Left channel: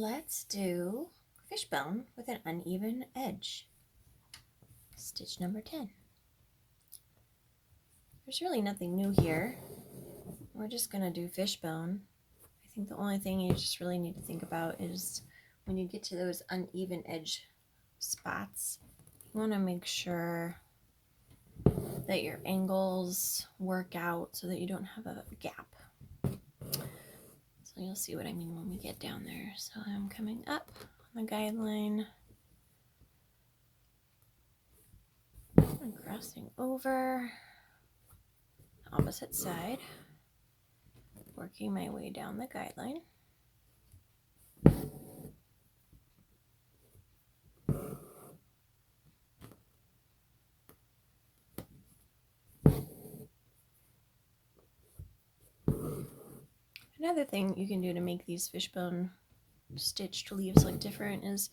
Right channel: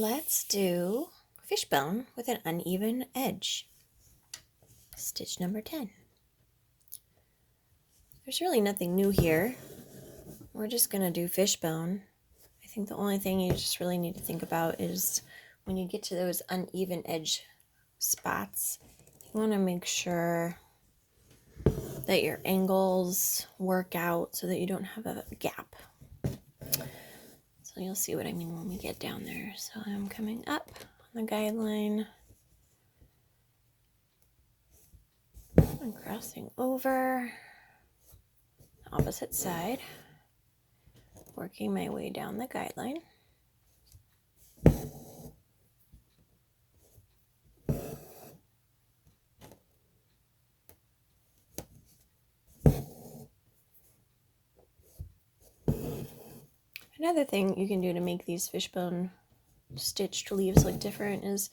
Let's do fishbone with an uneven edge. Stitch number 10. There's really nothing new here. We're just going to do fishbone. I think the only thing you just really need to think about is when you get to those uneven edge spots, you want to make sure that your angles work out so that you don't have a gap. So you'll see what I mean when we get down there. So I'm coming up on the guideline. I'm crossing over the opposite side, working my way down the guideline. Another thing you can do to make these fishbone stitched leaves look different is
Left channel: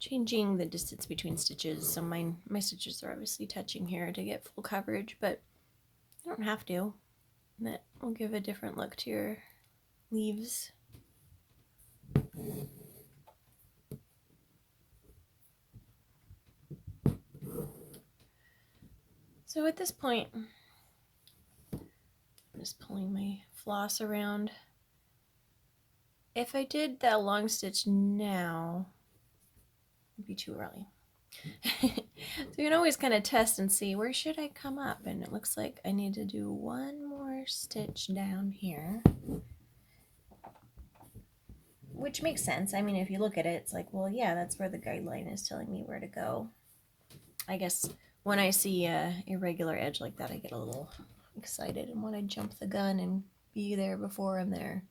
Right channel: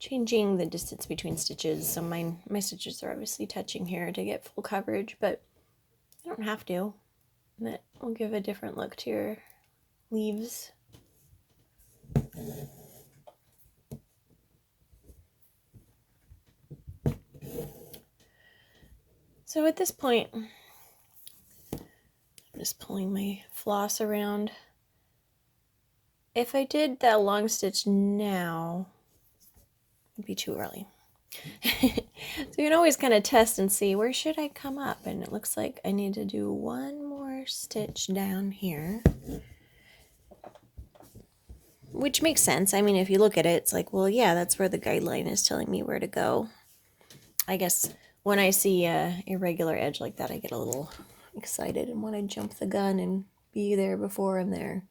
changing the distance between stitches. So my stitches are obviously touching here to get full coverage, but you don't have to. That will give a different look to your leaves. So at this point, I'm just pulling my floss around. If I did that long stitch now, it'd be too early. So you can always kind of test and see, where should I come up? And it looks like I need to do one more stitch down here, which makes sense. I mean, if you look at it, it's like, well, yeah, that's where the guideline is telling me where to go. I guess when I see a irregular edge like that, I get a little excited and want to jump the gun and be there before I'm there.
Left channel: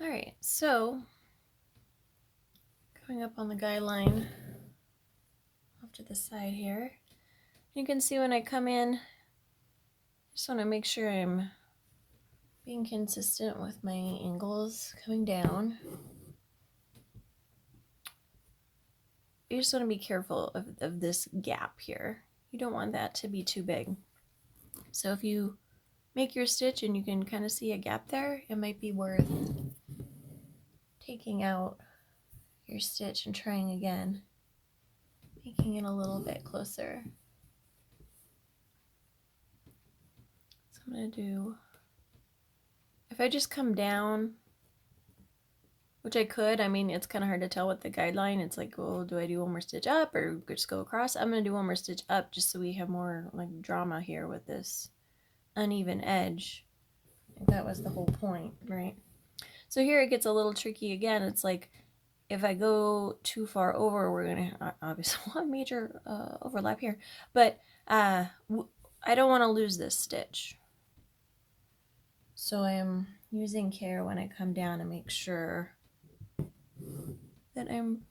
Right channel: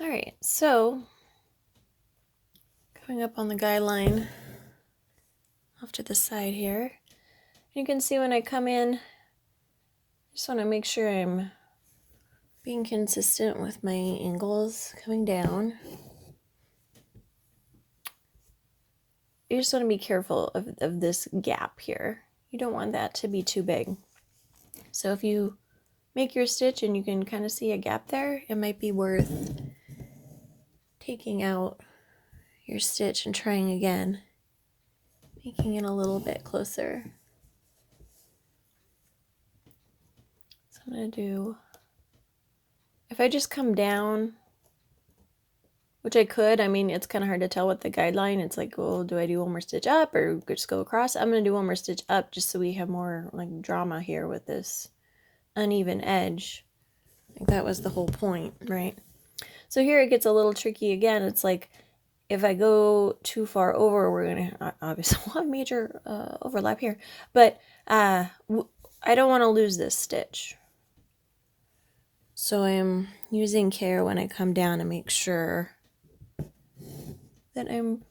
All right, so coming up on the guideline off to the side here, you can see when I come in, I just want to make sure I'm being consistent with my angles coming down. You just want to be careful of this gap here. You don't want that to be too big. So if you make your stitch and you can kind of see a gap there, it might be worth taking out your stitch and trying again, making it a little bit closer. So I'm going to do, if I just come down, which I could, I mean, it's kind of hard to tell with the guideline. It's like, well, do I do one more stitch up or just go across? I'm going to do one more stitch up just so we have more like drama here with this uneven edge. I think that was the whole point, right? So here it gets a little tricky again. It's like, if I go too far over, we're going to obviously have a major overlap here. But I don't want to lose this stitch. So I'm using care when I come down to make sure that I'm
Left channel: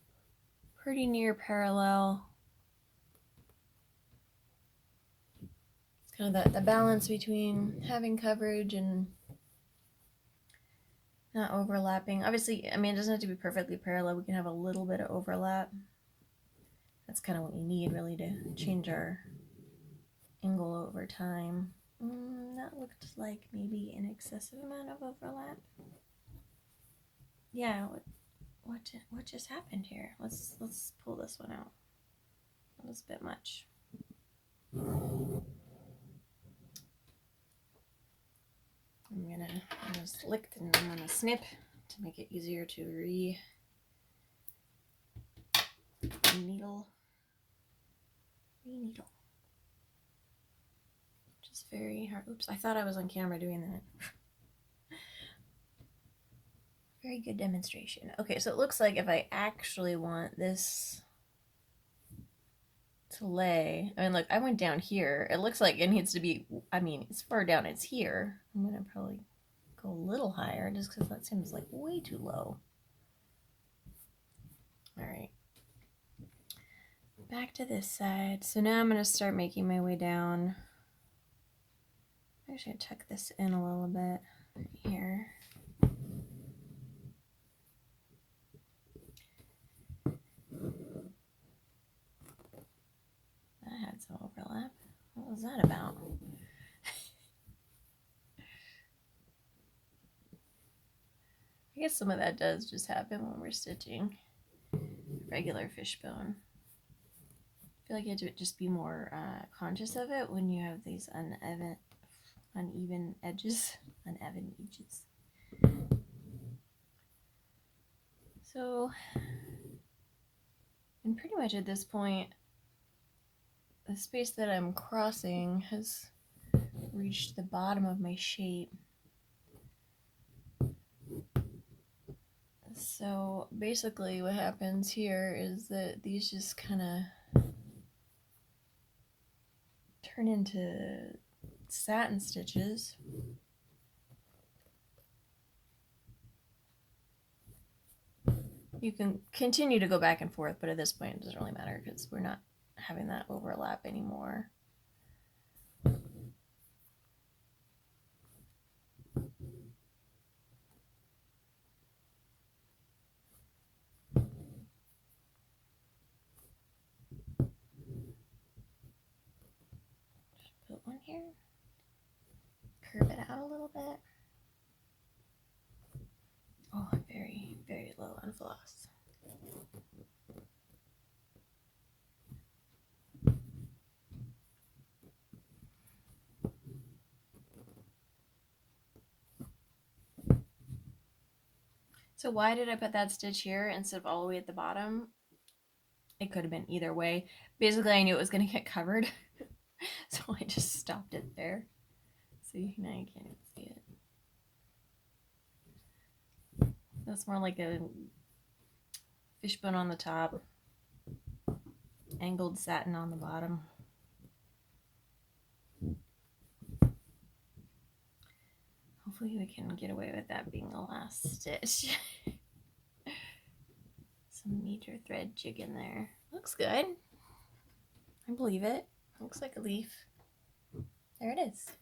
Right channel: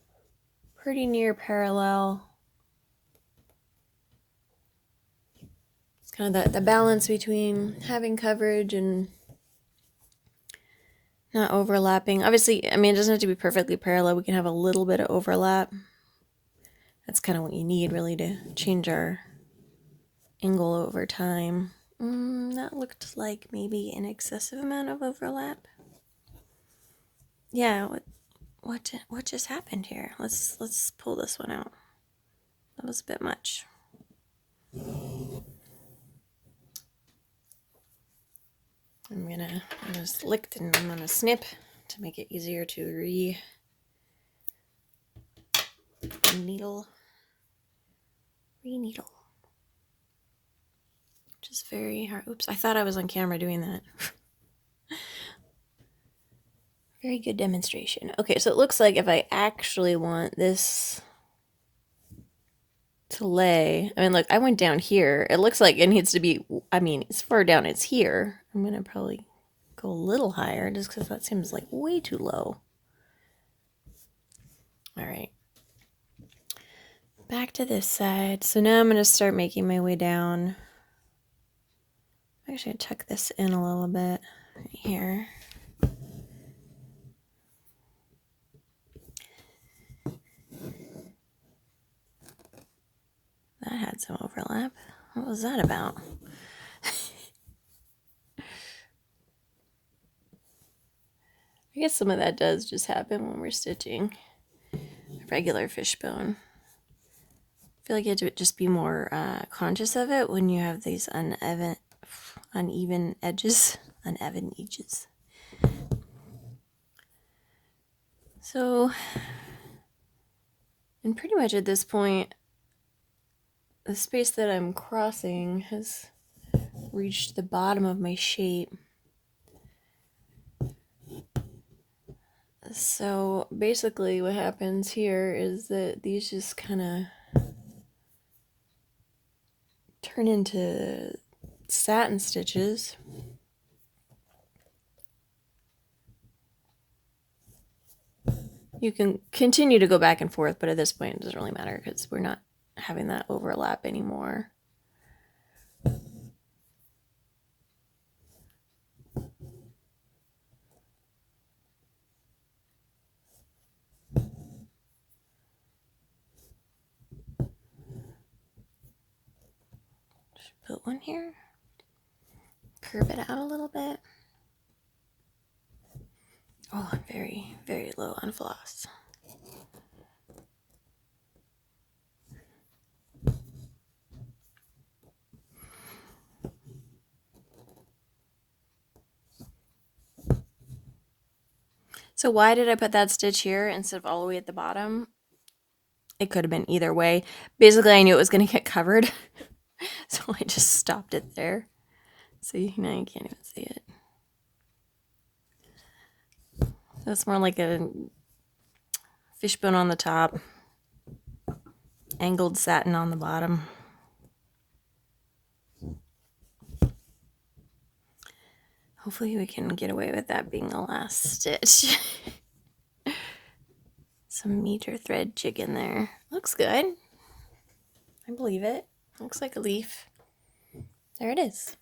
pretty near parallel. It's kind of the balance between having coverage and not overlapping. Obviously, I mean, it doesn't have to be perfectly parallel. We can have a little bit of overlap. That's kind of what you need, really, to change our angle over time. That looked like maybe an excessive amount of overlap. Yeah, what just happened here? Let's pull this one out. That was a bit much. I just licked and I'm gonna snip to make it easier to re-needle. Which is very hard. Oops, I thought I was on camera doing that. Very good demonstration. Okay, so it looks like if I actually want this to lay, I mean, look, I went down here. It looks like it needs to be, I mean, as far down as here. I'm gonna probably go a little higher just because that seems like way too low. All right. Back to this side. So now I'm gonna start making my way down. Actually, tuck this in a little bit right here. That had some overlap. What was that about? I guess some of that does just happen when we're stitching regular fishbone. I feel like you have to just be more conscious of it when you have these uneven edges. Uneven edges. So, and pretty much at this point, the space that I'm crossing has reached the bottom of my shape. So basically what happens here is that these just kind of turn into satin stitches. You can continue to go back and forth, but at this point it doesn't really matter because we're not having that overlap anymore. Put one here, curve it out a little bit. Oh, I'm very, very low on floss. So why did I put that stitch here instead of all the way at the bottom? It could have been either way. Basically, I knew it was going to get covered, so I just stopped it there. See, now you can't even see it. So it's more like a fishbone on the top, angled satin on the bottom. Hopefully we can get away with that being the last stitch. Some meter thread jig in there. Looks good. I believe it. Looks like a leaf. There it is.